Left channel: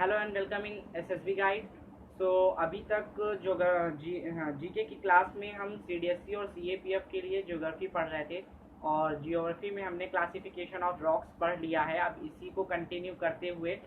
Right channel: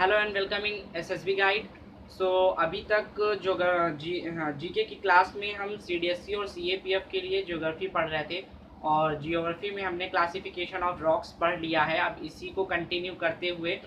Hello and welcome in SSB guide. So अभी तक जो जीके की क्लास में हम सीडीएससी और सीएपीएफ के लिए ज्योग्राफी पढ़ रहे थे और जियोग्राफी में हमने क्लासिफिकेशन ऑफ रॉक्स पढ़ लिया है। अब इसी को कंटिन्यू करते हुए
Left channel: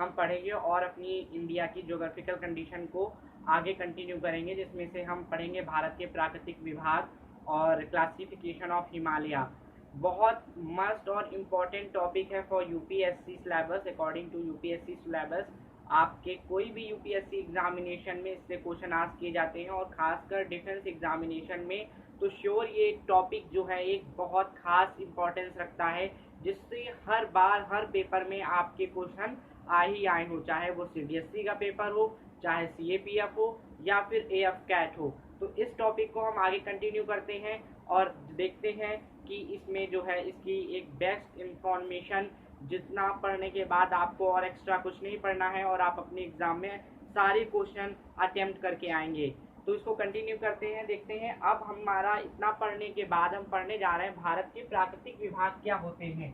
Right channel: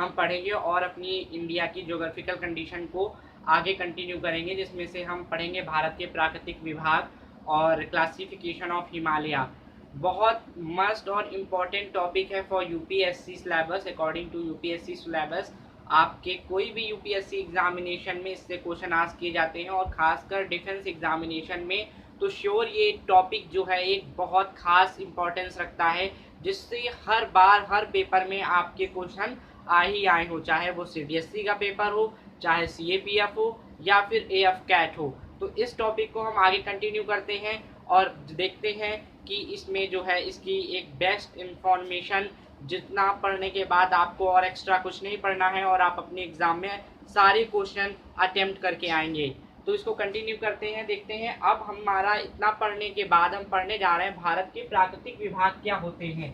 हम पढ़ेंगे और अपनी इंडिया की ज्योग्राफिकल कंडीशन को आगे कंटिन्यू करेंगे, जिसमें से हम पढ़ेंगे भारत के प्राकृतिक विभाग और क्लासिफिकेशन ऑफ हिमालय। बहुत मस्ट और इम्पॉर्टेंट टॉपिक है for UPSC syllabus. According to UPSC syllabus आपके कोई भी यूपीएससी एग्जामिनेशन में इससे क्वेश्चन आस्क किए जाते हैं और खासकर डिफेंस एग्जामिनेशन में तो श्योर ये टॉपिक जो है एक बहुत खास इंपॉर्टेंस रखता है, जिससे हर बार हर पेपर में आपके क्वेश्चन आ ही आए हो, चाहे वो सीडीएससी का पेपर हो, चाहे सीएपीएफ हो या फिर एएफ कैट हो। तो इस टॉपिक को हम आगे कंटिन्यू करते हैं और देखते हैं कि इसमें जो है इसकी एक बेस्ट इंफॉर्मेशन, जितना पढ़ने के बाद आपको और एक्स्ट्रा कुछ नहीं पढ़ना है और आप अपने एग्जाम में सारे क्वेश्चन अटेम्प्ट करके आएंगे। तो इसको कंटिन्यू करते हैं, देखते हैं। अब हमारा इतना पढ़ने के बाद हम पढ़ने जा रहे हैं भारत के प्राकृतिक विभाग क्या होते हैं।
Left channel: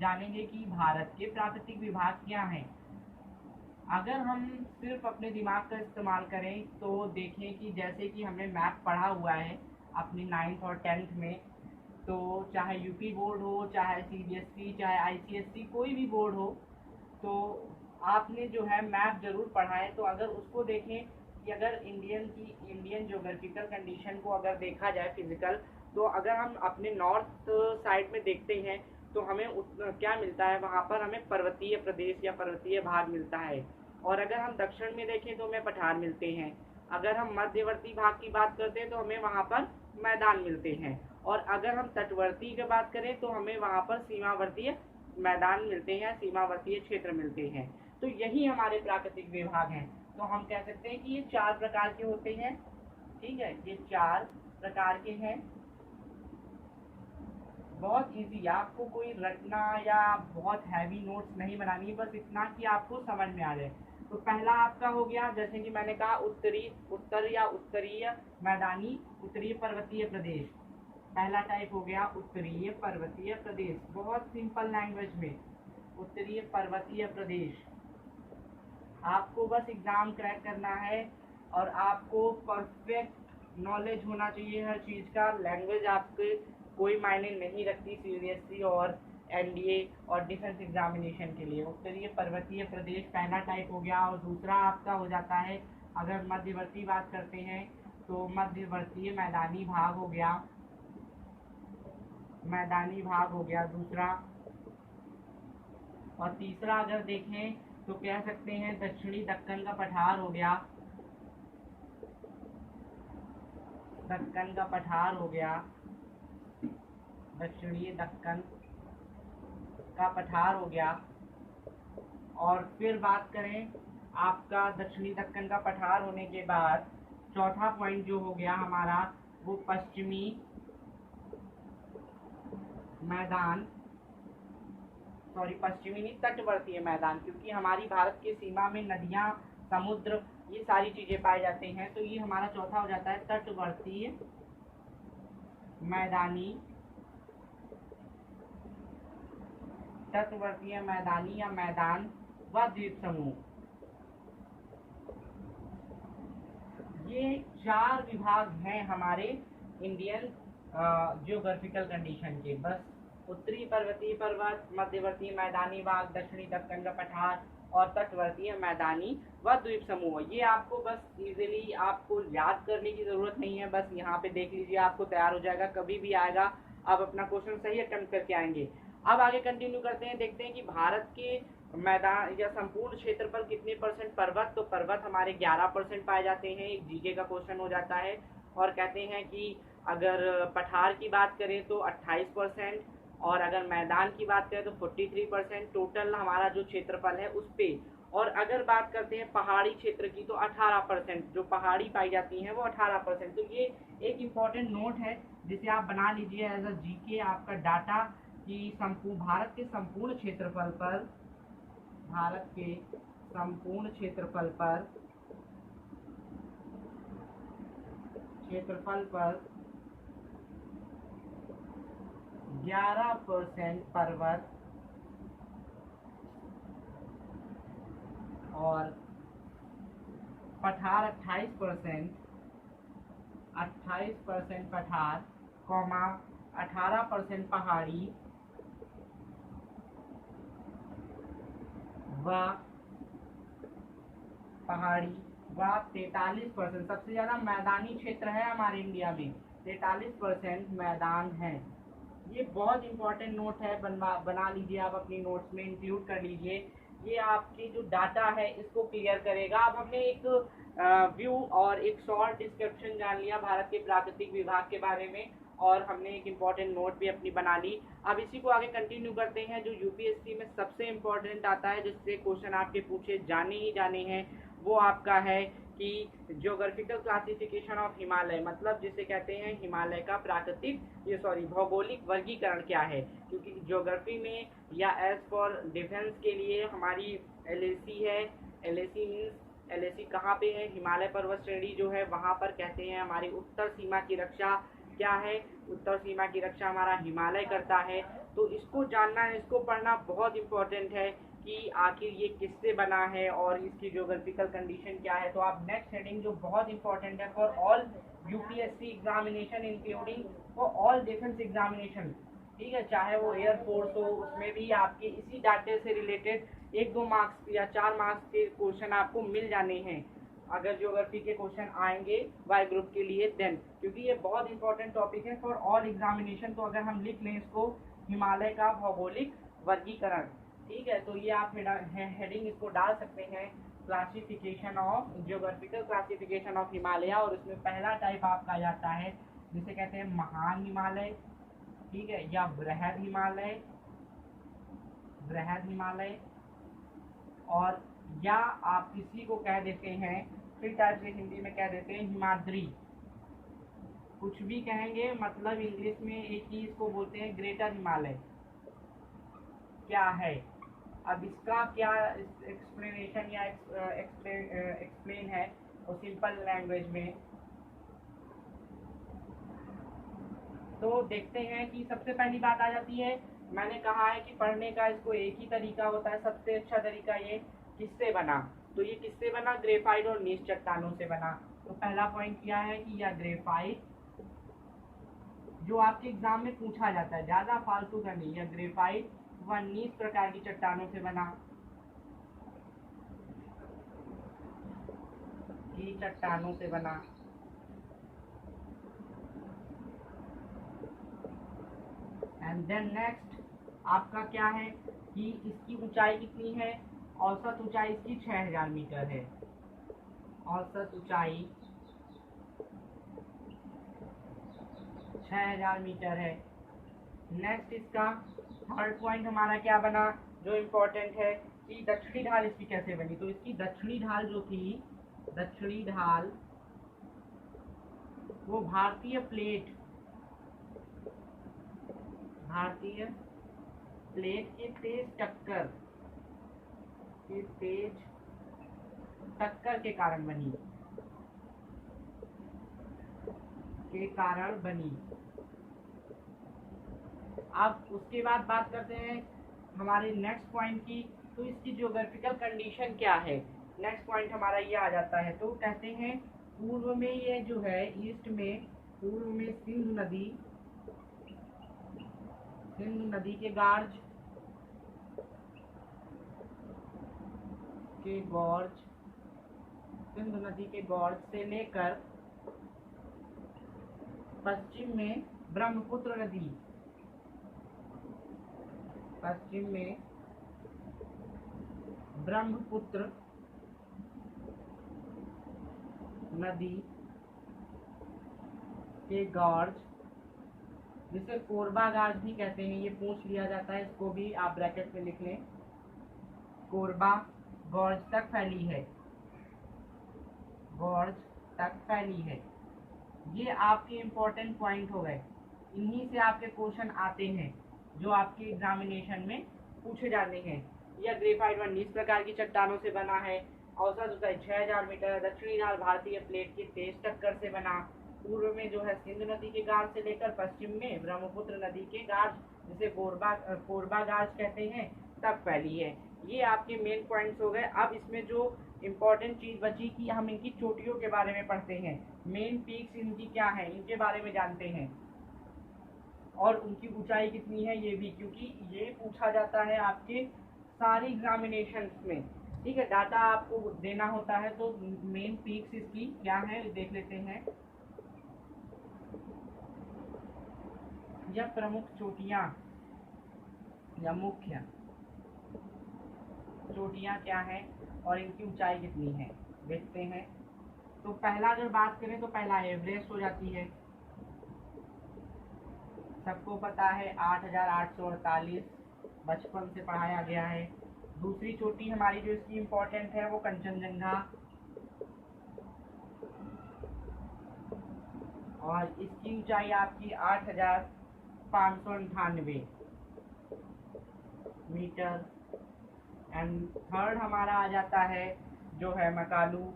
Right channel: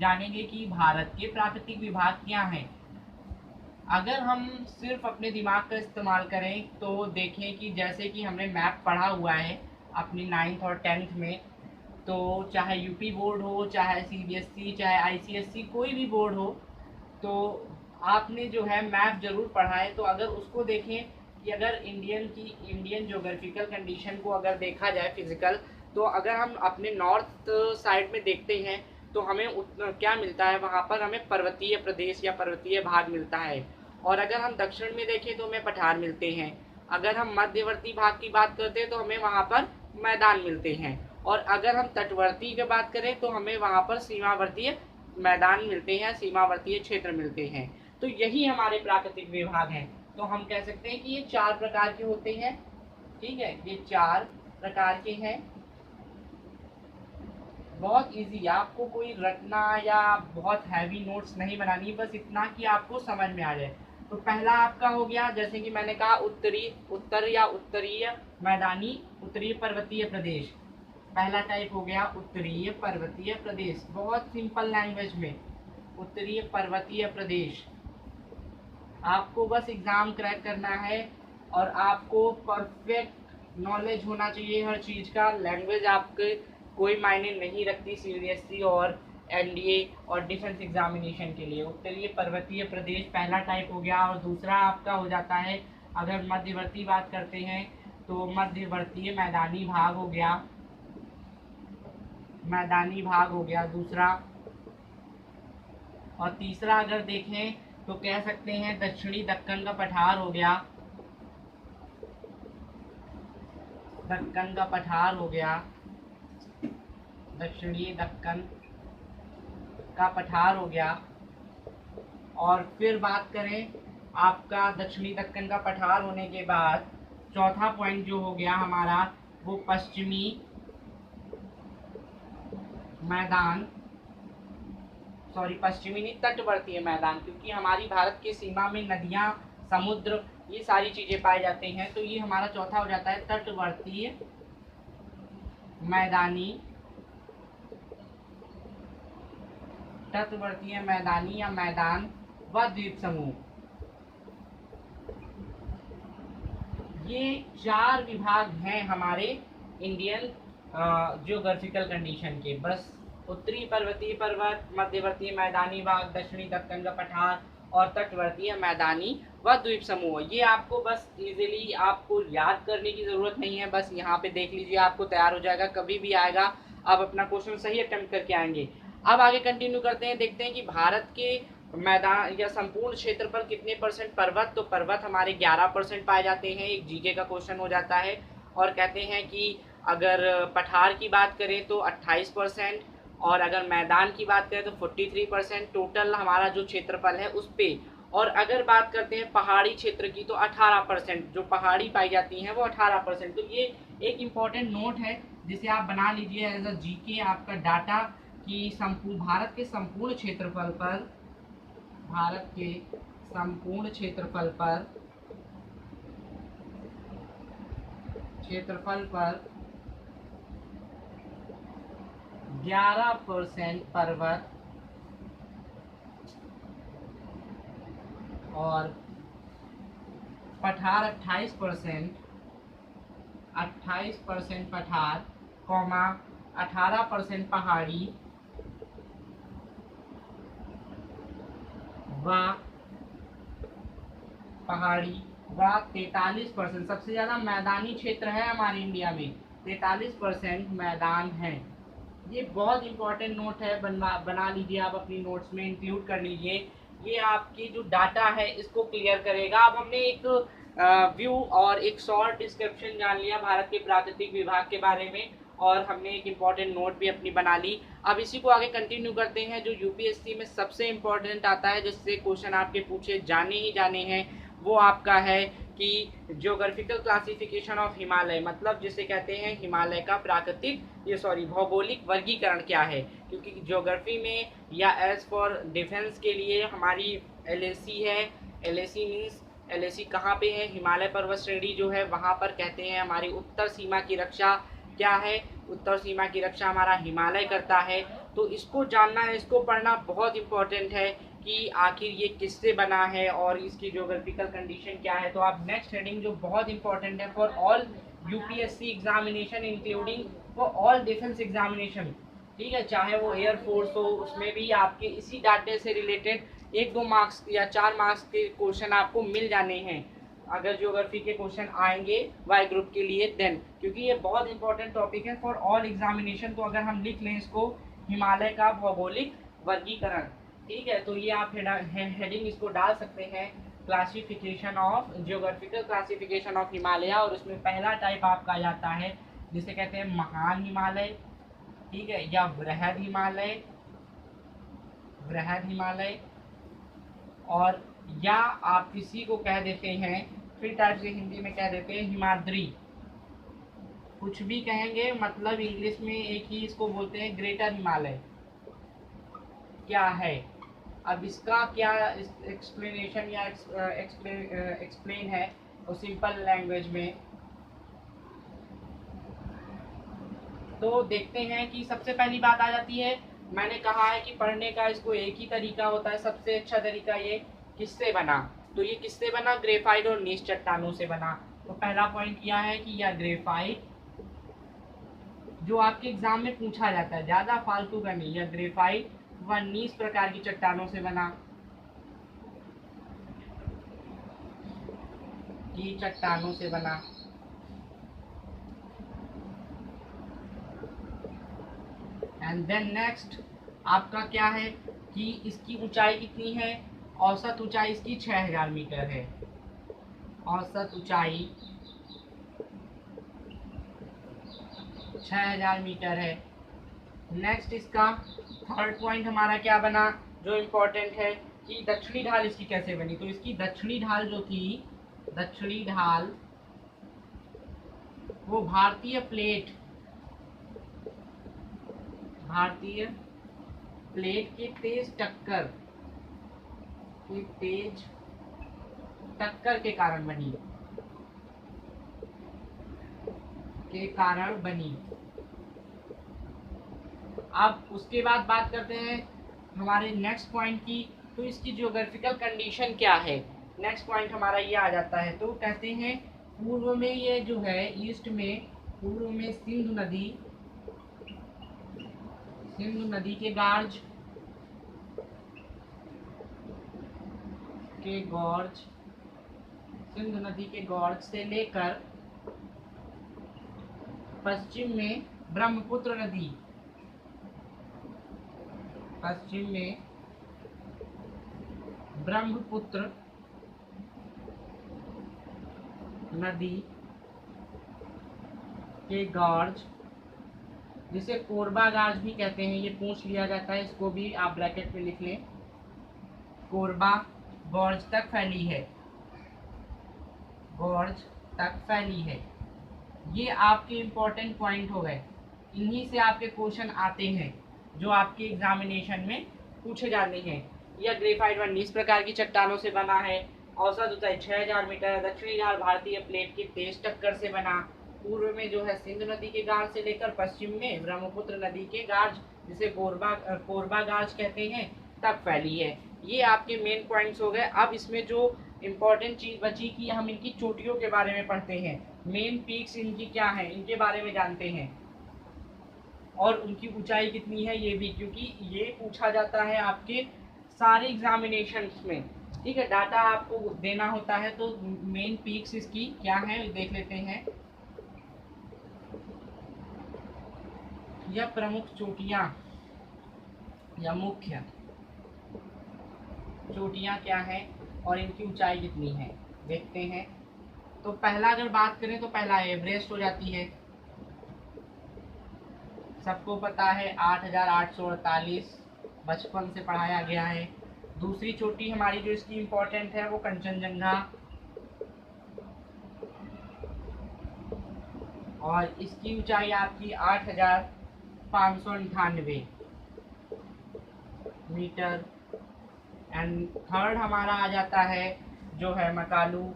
जानेंगे कि भारत के प्राकृतिक विभाग क्या हैं। अगर हम सिर्फ अपने दिमाग का इस्तेमाल करें तो देखें कि जैसे कि हमने मैप पढ़ा हुआ है अपनी 9th और 10th में, तो चाहे यूपी बोर्ड हो, चाहे सीबीएसई, चाहे आईसीएसई, कोई भी बोर्ड हो, तो आपने जो है मैप जरूर पढ़ा है। तो अगर उसको देखें कि अगर इंडियन ज्योग्राफिकल कंडीशन को अगर देखा जाए फिजिकल, तो अगर हम अपने नॉर्थ साइड में देखते हैं तो हमें क्या मिलता है, वहाँ पर हमें पर्वतीय प्रदेश या पर्वतीय भाग मिलता है। और अगर हम दक्षिण में देखें तो हमें पठार मिलते हैं। अगर हम मध्यवर्ती भाग की बात करते हैं तो हमें वहाँ पर मैदान मिलते हैं। और अगर हम तटवर्ती की बात करें तो हमें वहाँ पर सीमावर्तीय मैदान मिलते हैं, सीमावर्तीय क्षेत्र मिलते हैं। तो यही हमारे प्राकृतिक विभाग हैं। तो हम कह सकते हैं कि ये 4 प्रकार के होते हैं। ठीक है, ये 4 प्रकार के हैं। बहुत इजी, आपको कोई रटना या बहुत हैवी नोट्स नहीं बनानी, बस इतना कि आपको समझ में आ जाए। तो पहला आपका हो गया, जैसे कि मैंने कहा, उत्तर या उत्तरीय मैदानी उत्तरीय पर्वतीय प्रदेश। पहला टाइप हो गया उत्तरीय पर्वतीय प्रदेश, बहुत सिंपल लैंग्वेज में, उत्तरीय पर्वतीय प्रदेश। आपको बस एग्ज़ाम क्रैक करना है और आपको परफेक्ट नॉलेज होना चाहिए हर चीज़ का। लैंग्वेज आपके कोई मायने नहीं रखती सीबीएसई और एनडीए और डिफेंस एग्जामिनेशन के लिए। उत्तरीय पर्वतीय प्रदेश पहला टाइप हो गया। और दूसरा आपका हो जाता है, अगर मध्यवर्ती बात करते हैं तो मध्यवर्तीय मैदानी भाग हो गया, मैदानी भाग हो गया दूसरा। और तीसरा अगर देखें तो कह सकते हैं दक्षिणी दक्कन का पठार हो गया, दक्कन का पठार हो गया, दक्षिणी दक्कन का पठार हो गया। और फिर बात करें आपका दक्षिणी दक्कन का पठार होने के बाद चौथा पॉइंट जो हो गया हमारा, वो पश्चिमी मैदान, सॉरी पश्चिमी नहीं, तटवर्तीय मैदान, क्योंकि हमारी भारत की सीमा में नदियाँ, समुद्र, ये सारी चीज़ें पाए जाते हैं। तो ये हमारा चौथा हो जाता है तटवर्तीय मैदानी, तटवर्तीय मैदानी या मैदान व द्वीप समूह। ये 4 विभाग हैं हमारे इंडियन जियोग्राफिकल कंडीशन के। बस उत्तरी पर्वतीय पर्वत, मध्यवर्तीय मैदानी भाग, दक्षिणी दक्कन का पठार और तटवर्तीय मैदानी व द्वीप समूह। ये आपको बस इजीली आपको याद करने की ज़रूरत नहीं है, बस यहाँ पे देख लीजिए, आपको तैयार हो जाएगा, कभी भी आएगा आप अपना क्वेश्चन सही अटेम्प्ट करके आएंगे। अब आगे कंटिन्यू करते हैं, देखते हैं कि भारत के मैदान या संपूर्ण क्षेत्र पर कितने परसेंट पर्वत। तो पर्वत हमारे 11% पाए जाते हैं, एक जीके का क्वेश्चन हो जाता है। और कहते हैं कि अगर पठार की बात करें तो 28%, और अगर मैदान की बात करें तो 43%, टोटल हमारा जो क्षेत्रफल है उस पे। और अगर बात करते हैं पहाड़ी क्षेत्र की तो 18%, जो पहाड़ी पाई जाती हैं वो 18%। तो ये एक इम्पॉर्टेंट नोट है जिसे आप बना लीजिए एज अ जीके आपका डाटा, कि संपूर्ण भारत के संपूर्ण क्षेत्रफल पर, भारत के संपूर्ण क्षेत्रफल पर 11% पर्वत और पठार 28%, 28% पठार, कॉमा 18% पहाड़ी व 43%, सबसे ज्यादा मैदानी क्षेत्र है हमारे इंडिया में, 43% मैदान है। ये बहुत इंपॉर्टेंट नोट है, बना लीजिए आप अपनी नोट्स में, इंक्लूड कर लीजिए। ये आपकी जो डाटा है इसको क्लियर करेगा। अब हमने एक व्यू और एक शॉर्ट डिस्क्रिप्शन जान लिया भारत के प्राकृतिक विभाग के बारे में, और हमने एक इम्पॉर्टेंट नोट भी अपनी बना ली। अब इसी को आगे कंटिन्यू करते हैं। जो यूपीएससी में सबसे इम्पॉर्टेंट आता है, जिससे क्वेश्चन आपके पूछे जाने ही जाने हैं, वो आपका है कि जियोग्राफिकल क्लासिफिकेशन ऑफ हिमालय, मतलब जिसे कहते हैं हिमालय का भौगोलिक वर्गीकरण क्या है। क्योंकि ज्योग्राफी में या एज फॉर डिफेंस के लिए हमारी एलएसी है। एलएसी मीन्स एलएसी कहाँ पे है, हिमालय पर्वत श्रेणी जो है वहाँ पर कहते हैं हमारी उत्तर सीमा की रक्षा क्या है, उत्तर सीमा की रक्षा हमारा हिमालय करता है। तो इसको जानना है, इसको पढ़ना बहुत इंपॉर्टेंट है कि आखिर ये किससे बना है और इसकी ज्योग्राफिकल कंडीशन क्या है। तो आप नेक्स्ट हेडिंग जो बहुत इंपॉर्टेंट है for all UPSC examination including for all defence examination, ठीक है, चाहे वो एयरफोर्स हो, उसमें भी आपके इसी डाटे से रिलेटेड 1-2 मार्क्स या 4 मार्क्स के क्वेश्चन आपको मिल जाने हैं अगर ज्योग्राफी के क्वेश्चन आएंगे वाई ग्रुप के लिए देन, क्योंकि ये बहुत इंपॉर्टेंट टॉपिक है फॉर ऑल एग्जामिनेशन। तो अगर हम लिख लें इसको, हिमालय का भौगोलिक वर्गीकरण, ठीक है, तो ये आप हेडिंग इसको डाल सकते हैं, classification of geographical classification of Himalaya. और उसमें पहला टाइप आपका जाता है जिसे कहते हैं महान हिमालय, ठीक है, या बृहद हिमालय, बृहद हिमालय, और या आप इसी को कह देते हैं, फिर टाइप से हिंदी में कह देते हैं हिमाद्री। कुछ भी कहेंगे, मतलब इंग्लिश में एक ही इसको बोलते हैं ग्रेटर हिमालय क्या है। अब इसका क्या एक्सप्लेनेशन या एक्सप्लेन है और सिंपल लैंग्वेज में, तो देखते हैं कि सबसे पहली बात आ जाती है, मैंने कहा है कि पढ़ने का इसको एक ही तरीका होता है, सबसे अच्छा तरीका ये किससे बना। तो ये किससे बना, ग्रेफाइट और नीच चट्टानों से बना। तो पहला पॉइंट क्या है कि यह ग्रेफाइट, जो आपके एग्जाम में पूछा जाता है, ज्यादा फालतू का नहीं, यह ग्रेफाइट व नीच प्रकार की चट्टानों से बना, की चट्टानों से बना। एंड देन नेक्स्ट आपका क्या है कि इसकी ऊंचाई कितनी है, औसत ऊंचाई इसकी 6000 मीटर है, औसत ऊंचाई 6000 मीटर है। नेक्स्ट इसका थर्ड पॉइंट हमारा क्या बना, जो इम्पोर्टेंट है कि दक्षिणी ढाल इसकी कैसे बनी। तो इसकी दक्षिणी ढाल जो थी, दक्षिणी ढाल वो भारतीय प्लेट के तेज टक्कर के कारण बनी। अब उसके बाद बात करते हैं हमारे नेक्स्ट पॉइंट की, तो इसकी ज्योग्राफिकल कंडीशन क्या है। नेक्स्ट पॉइंट हमारा ये आ जाता है, तो कहते हैं पूर्व में ये जो है, ईस्ट में, पूर्व में सिंधु नदी के गॉर्ज सिंधु नदी के गॉर्ज से लेकर पश्चिम में ब्रह्मपुत्र नदी के गॉर्ज, जिसे कोरबा गार्ज भी कहते हैं, ये पूछ लिया जाता है, इसको भी आप ब्रैकेट में लिख लें, कोरबा गॉर्ज तक फैली है। ये आपके इम्पोर्टेंट पॉइंट हो गए, इन्हीं से आपके क्वेश्चन आते हैं जो आपके एग्जामिनेशन में पूछे जाने हैं। यह ग्रेफाइट व नीच प्रकार की चट्टानों से बना है, औसत ऊंचाई 6000 मीटर है, दक्षिणी ढाल भारतीय प्लेट की तेज टक्कर से बना, पूर्व में जो है सिंधु नदी के गार्ज से लेकर पश्चिम में ब्रह्मपुत्र नदी के गार्ज, जिसे कोरबा गार्ज कहते हैं, तक फैली है। ये आपके मेन पॉइंट्स हो गए। अब इसमें जो इम्पोर्टेंट चीज़ बची कि हम इनकी चोटियों के बारे में पढ़ते हैं, मेन पीक्स इनकी क्या है इनके बारे में जानते हैं, और उनकी ऊंचाई कितनी है ये भी, क्योंकि ये पूछा जाता है आपके सारे एग्जामिनेशंस में। ठीक है, डाटा आपको देना होता है, तो मेन पीक्स इसकी क्या है देख लेते हैं। यह प्रमुख चोटियां या मुख्य चोटियां क्या है और इनकी ऊंचाई कितनी है देखते हैं। तो पहला अगर बात करें तो पहला एवरेस्ट हो जाती है, सबको पता है 8,848, बचपन से पढ़ाया गया है। दूसरी चोटी हमारी जो इसकी इम्पोर्टेंट है वो कंचनजंगा, और इसकी ऊंचाई आपकी 8,598 मीटर। एंड थर्ड हमारा आ जाता है जो है मकालू,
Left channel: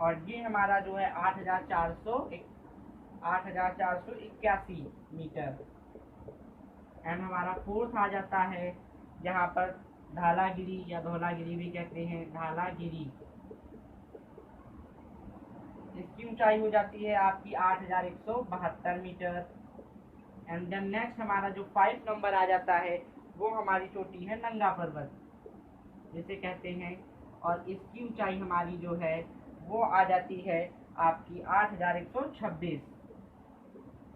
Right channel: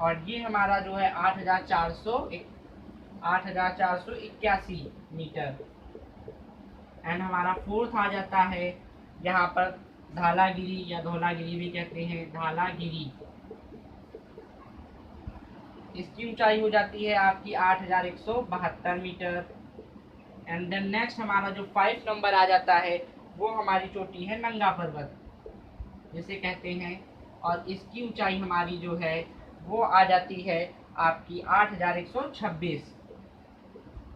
और ये हमारा जो है 8,481 मीटर। एंड हमारा फोर्थ आ जाता है यहाँ पर धालागिरी या धौलागिरी भी कहते हैं, धालागिरी। इसकी ऊंचाई हो जाती है आपकी 8,172 मीटर। एंड देन नेक्स्ट हमारा जो 5 नंबर आ जाता है वो हमारी चोटी है नंगा पर्वत जिसे कहते हैं, और इसकी ऊंचाई हमारी जो है वो आ जाती है आपकी 8,126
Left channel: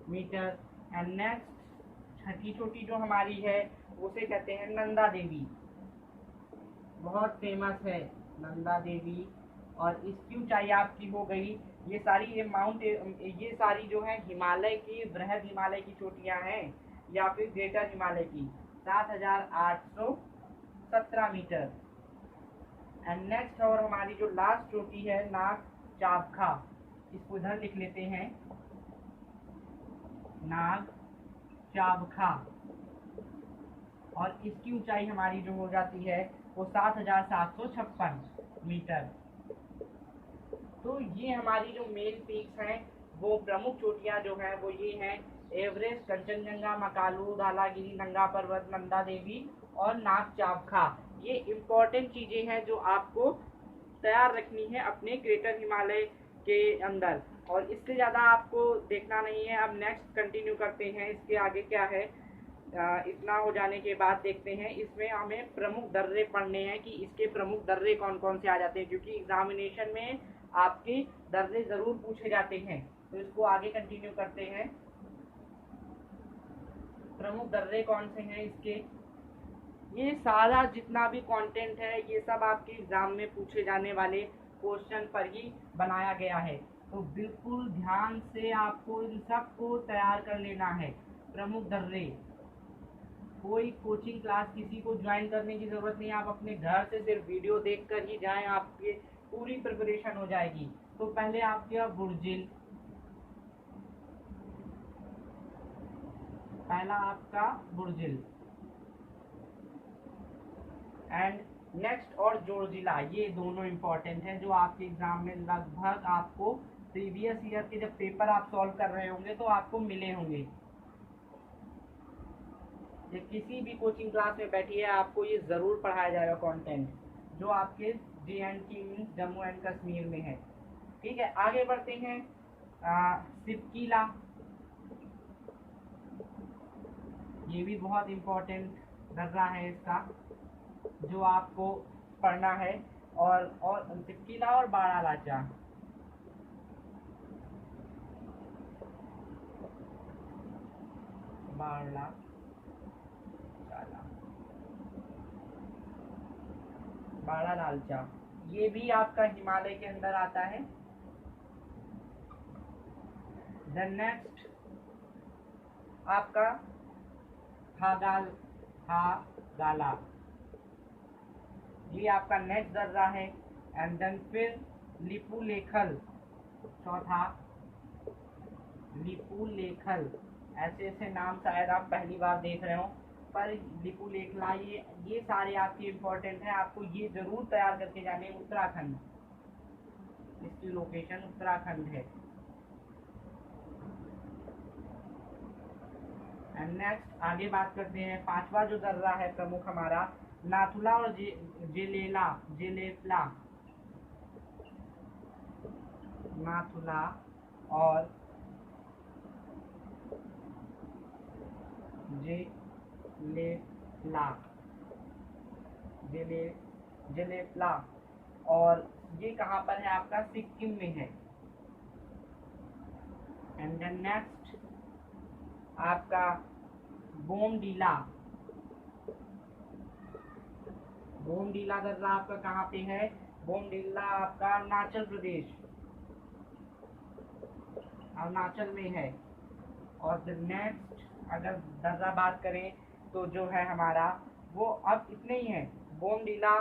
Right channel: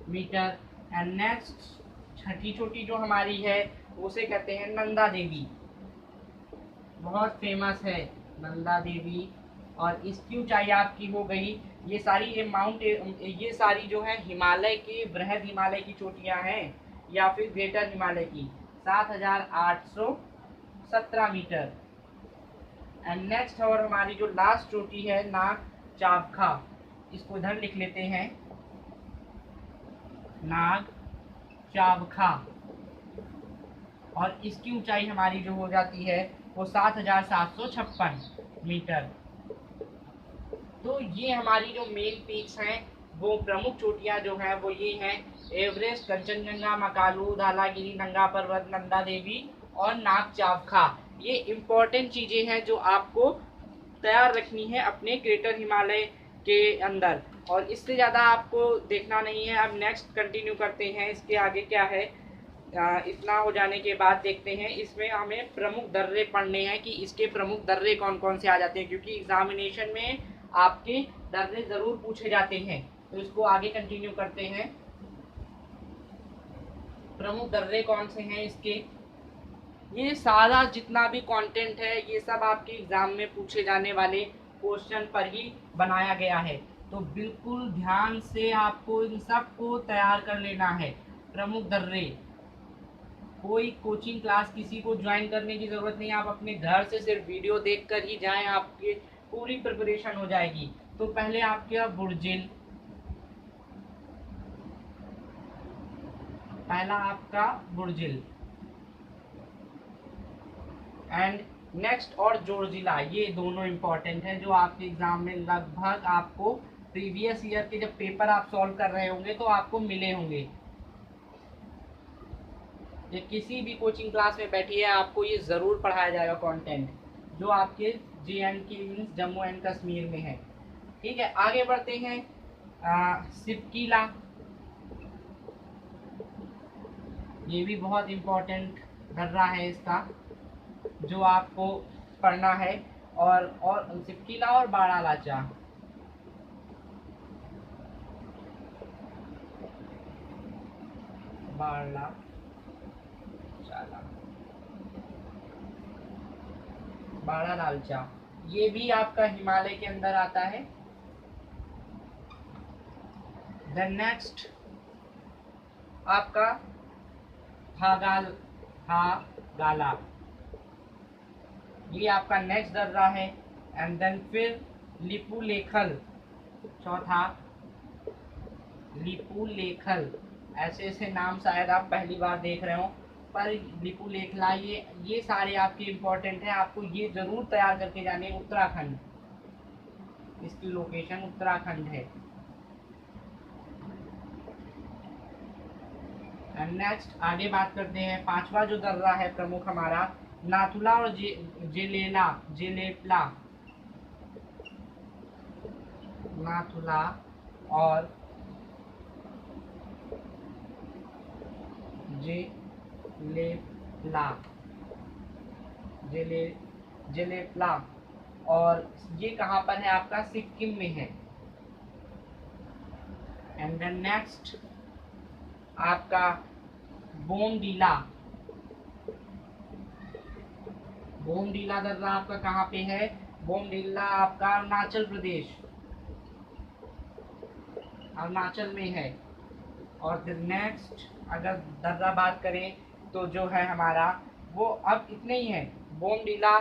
मीटर। एंड नेक्स्ट छठी चोटी जो हमारी है उसे कहते हैं नंदा देवी, बहुत फेमस है नंदा देवी, और इसकी ऊंचाई आपकी हो गई, ये सारी ये सारी जो है हिमालय की बृहद हिमालय की चोटियां हैं या फिर ग्रेटर हिमालय की, 7,817 मीटर। एंड नेक्स्ट और हमारी जो लास्ट चोटी है नाग चावखा, इसको इधर लिख लेते हैं, नाग चावखा, और इसकी ऊंचाई हमारी जो हो जाती है वो 7,756 मीटर। तो ये हमारी जो मेन पीक्स हैं वो प्रमुख चोटियां जो हैं वो ये हैं एवरेस्ट, कंचनजंगा, मकालू, धालागिरी, नंगा पर्वत, नंदा देवी और नाग चावखा। ये इम्पोर्टेंट चीज़ें हैं जो आपको तैयार रखनी है अपने ग्रेटर हिमालय के अंदर, और इससे ज़्यादा आपको देखना नहीं है। अब नेक्स्ट कंटिन्यू करते हैं, इसके आगे क्या है। इतना हो जाने के बाद देखते हैं इसमें हमें प्रमुख दर्रे पढ़ने हैं कि इसके प्रमुख दर्रे कौन कौन से आ जाते हैं, क्योंकि एग्जामिनेशन में आपके दर्रे ज़रूर पूछे जाते हैं। तो इसको आगे कंटिन्यू करते हैं। प्रमुख दर्रे कौन से हैं इसके, ये सारा जितना भी कंटेंट है ये सब आपके एग्जाम में पूछे जाने वाले क्वेश्चन पर ही बनाया गया है, तो बिल्कुल ध्यान से आपको इन सब को तैयार कर लेना है। प्रमुख दर्रे, कोई कोचिंग क्लास किसी को ज्वाइन करने की ज़रूरत नहीं, आप अपने घर से सिर्फ वीडियो देखकर ही जाएं, आपकी पूरी प्रिपरेशन हो जाएगी। तो पहले आपके बुर्जिल, पहला आपका बुर्जिल, एंड नेक्स्ट और जोरजिला, ये दोनों इंपॉर्टेंट हैं जो आपके एग्जाम में लगभग आपको प्रीवियस ईयर के जब पेपर आप सॉल्व कर रहे होंगे तो आपको मिले होंगे। ये किसी भी कोचिंग क्लास में बैठिए आपको ये ज़रूर पढ़ाया जाएगा कंटेंट जो आपके JNK means Jammu and Kashmir में है। ठीक है, आगे बढ़ते हैं। सिपकीला, ये भी बहुत इम्पोर्टेंट दर्रा है इसका जो आपको पढ़ना है, और सिपकीला और बाड़ा लाचा, बाड़ा चाला, बाड़ा लालचा, ये भी आपका हिमालय के अंदर आता है। देन नेक्स्ट आपका हागाला, ये आपका नेक्स्ट दर्रा है। एंड देन फिर लिपुलेखल, चौथा लिपुलेखल, ऐसे ऐसे नाम शायद आप पहली बार देख रहे हो, पर लिपुलेखला, ये सारे आपके इम्पोर्टेंट हैं, आपको ये जरूर तैयार करके जाने। उत्तराखंड, इसकी लोकेशन उत्तराखंड है। एंड नेक्स्ट आगे बात करते हैं, पांचवा जो दर्रा है प्रमुख हमारा, नाथुला और जेलेपला, नाथुला और जेलेपला और ये कहाँ पर है आपका, सिक्किम में है। एंड देन नेक्स्ट आपका बोमडीला दर्रा आपका कहाँ पे है, बोमडीला आपका अरुणाचल प्रदेश, अरुणाचल में है। और फिर नेक्स्ट अगर दर्रा बात करें तो जो है हमारा वो अब इतने ही है, बोमडीला,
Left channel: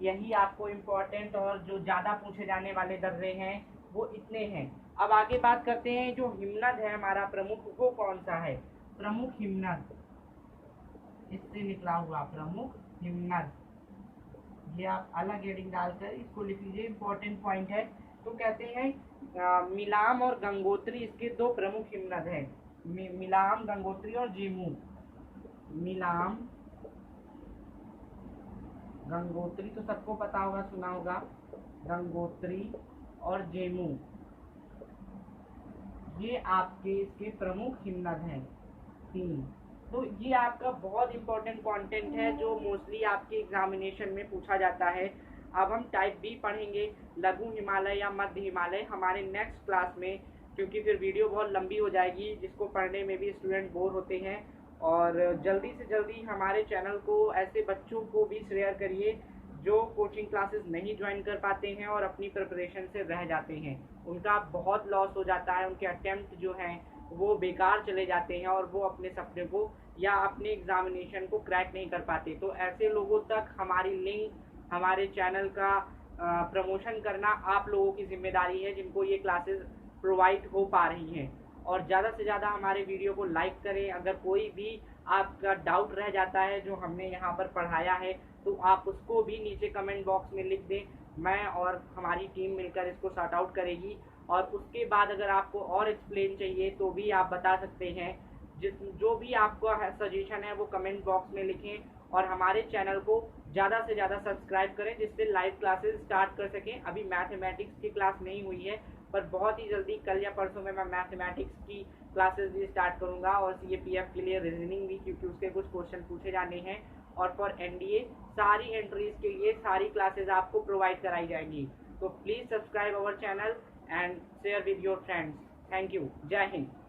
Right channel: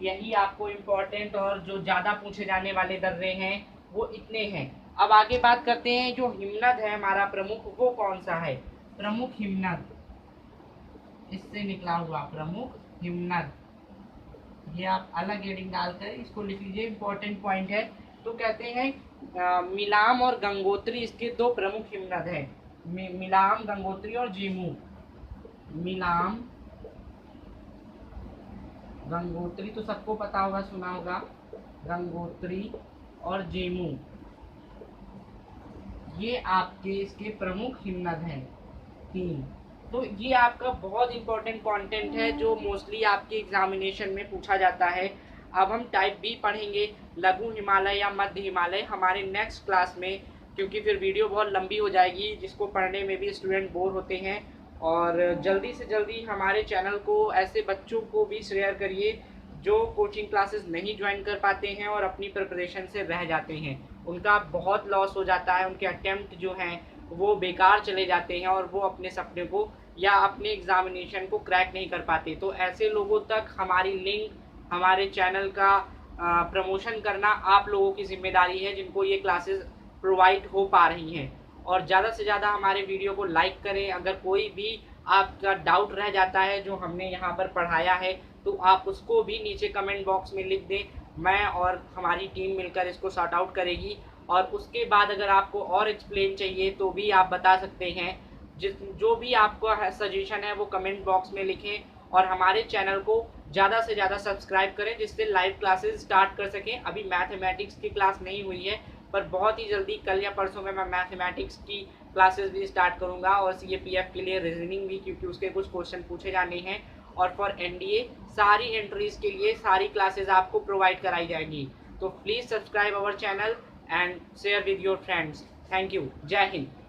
यही आपको इम्पोर्टेंट और जो ज़्यादा पूछे जाने वाले दर्रे हैं वो इतने हैं। अब आगे बात करते हैं, जो हिमनद है हमारा प्रमुख, वो कौन सा है, प्रमुख हिमनद, इससे निकला हुआ प्रमुख हिमनद, ये आप अलग हेडिंग डालकर इसको लिख लीजिए, इंपॉर्टेंट पॉइंट है। तो कहते हैं मिलाम और गंगोत्री इसके दो प्रमुख हिमनद हैं, मिलाम, गंगोत्री और जेमू। मिलाम, गंगोत्री तो सबको पता होगा, सुना होगा, गंगोत्री और जेमू, ये आपके इसके प्रमुख हिमनद हैं 3। तो ये आपका बहुत इंपॉर्टेंट कंटेंट है जो मोस्टली आपके एग्जामिनेशन में पूछा जाता है। अब हम टाइप बी पढ़ेंगे, लघु हिमालय या मध्य हिमालय, हमारे नेक्स्ट क्लास में, क्योंकि फिर वीडियो बहुत लंबी हो जाएगी जिसको पढ़ने में भी स्टूडेंट बोर होते हैं। और जल्दी से जल्दी हमारे चैनल को ऐसे बच्चों को भी शेयर करिए जो कोचिंग क्लासेस नहीं ज्वाइन कर पाते हैं और अपनी प्रिपरेशन से रह जाते हैं, उनका बहुत लॉस हो जाता है, उनके अटेम्प्ट जो हैं वो बेकार चले जाते हैं और वो अपने सपने को या अपने एग्जामिनेशन को क्रैक नहीं कर पाते। तो ऐसे लोगों तक हमारी लिंक, हमारे चैनल का प्रमोशन करना आप लोगों की जिम्मेदारी है जिनको ये क्लासेस प्रोवाइड हो पा रही हैं। और ज़्यादा से ज़्यादा हमारे वीडियो को लाइक करें। अगर कोई भी आपका डाउट रह जाता है जो हमने यहाँ पर पढ़ाया है तो आप उसको भी नीचे कमेंट बॉक्स में लिख दें, मैं और हमारी टीम मिलकर इसको सॉर्ट आउट करेगी। और उसके बाद अगर आपको और एक्सप्लेन चाहिए तो भी आप बता सकते हैं, जो भी आपका सजेशन है वो कमेंट बॉक्स में लिखें। और हमारे चैनल को ज़्यादा से ज़्यादा सब्सक्राइब करें जिससे लाइव क्लासेस स्टार्ट कर सकें। अभी मैथमेटिक्स की क्लास नहीं हुई है पर बहुत ही जल्दी कल या परसों में मैं मैथमेटिक्स की क्लासेस भी स्टार्ट करूंगा और सीएपीएफ के लिए रीजनिंग भी, क्योंकि उसके कुछ क्वेश्चन पूछे जाने हैं। और फॉर एनडीए सारी एंट्रीज के लिए सारी क्लासेस आपको प्रोवाइड कराई जाएंगी। तो please subscribe our channel and share with your friends. Thank you. जय हिंद।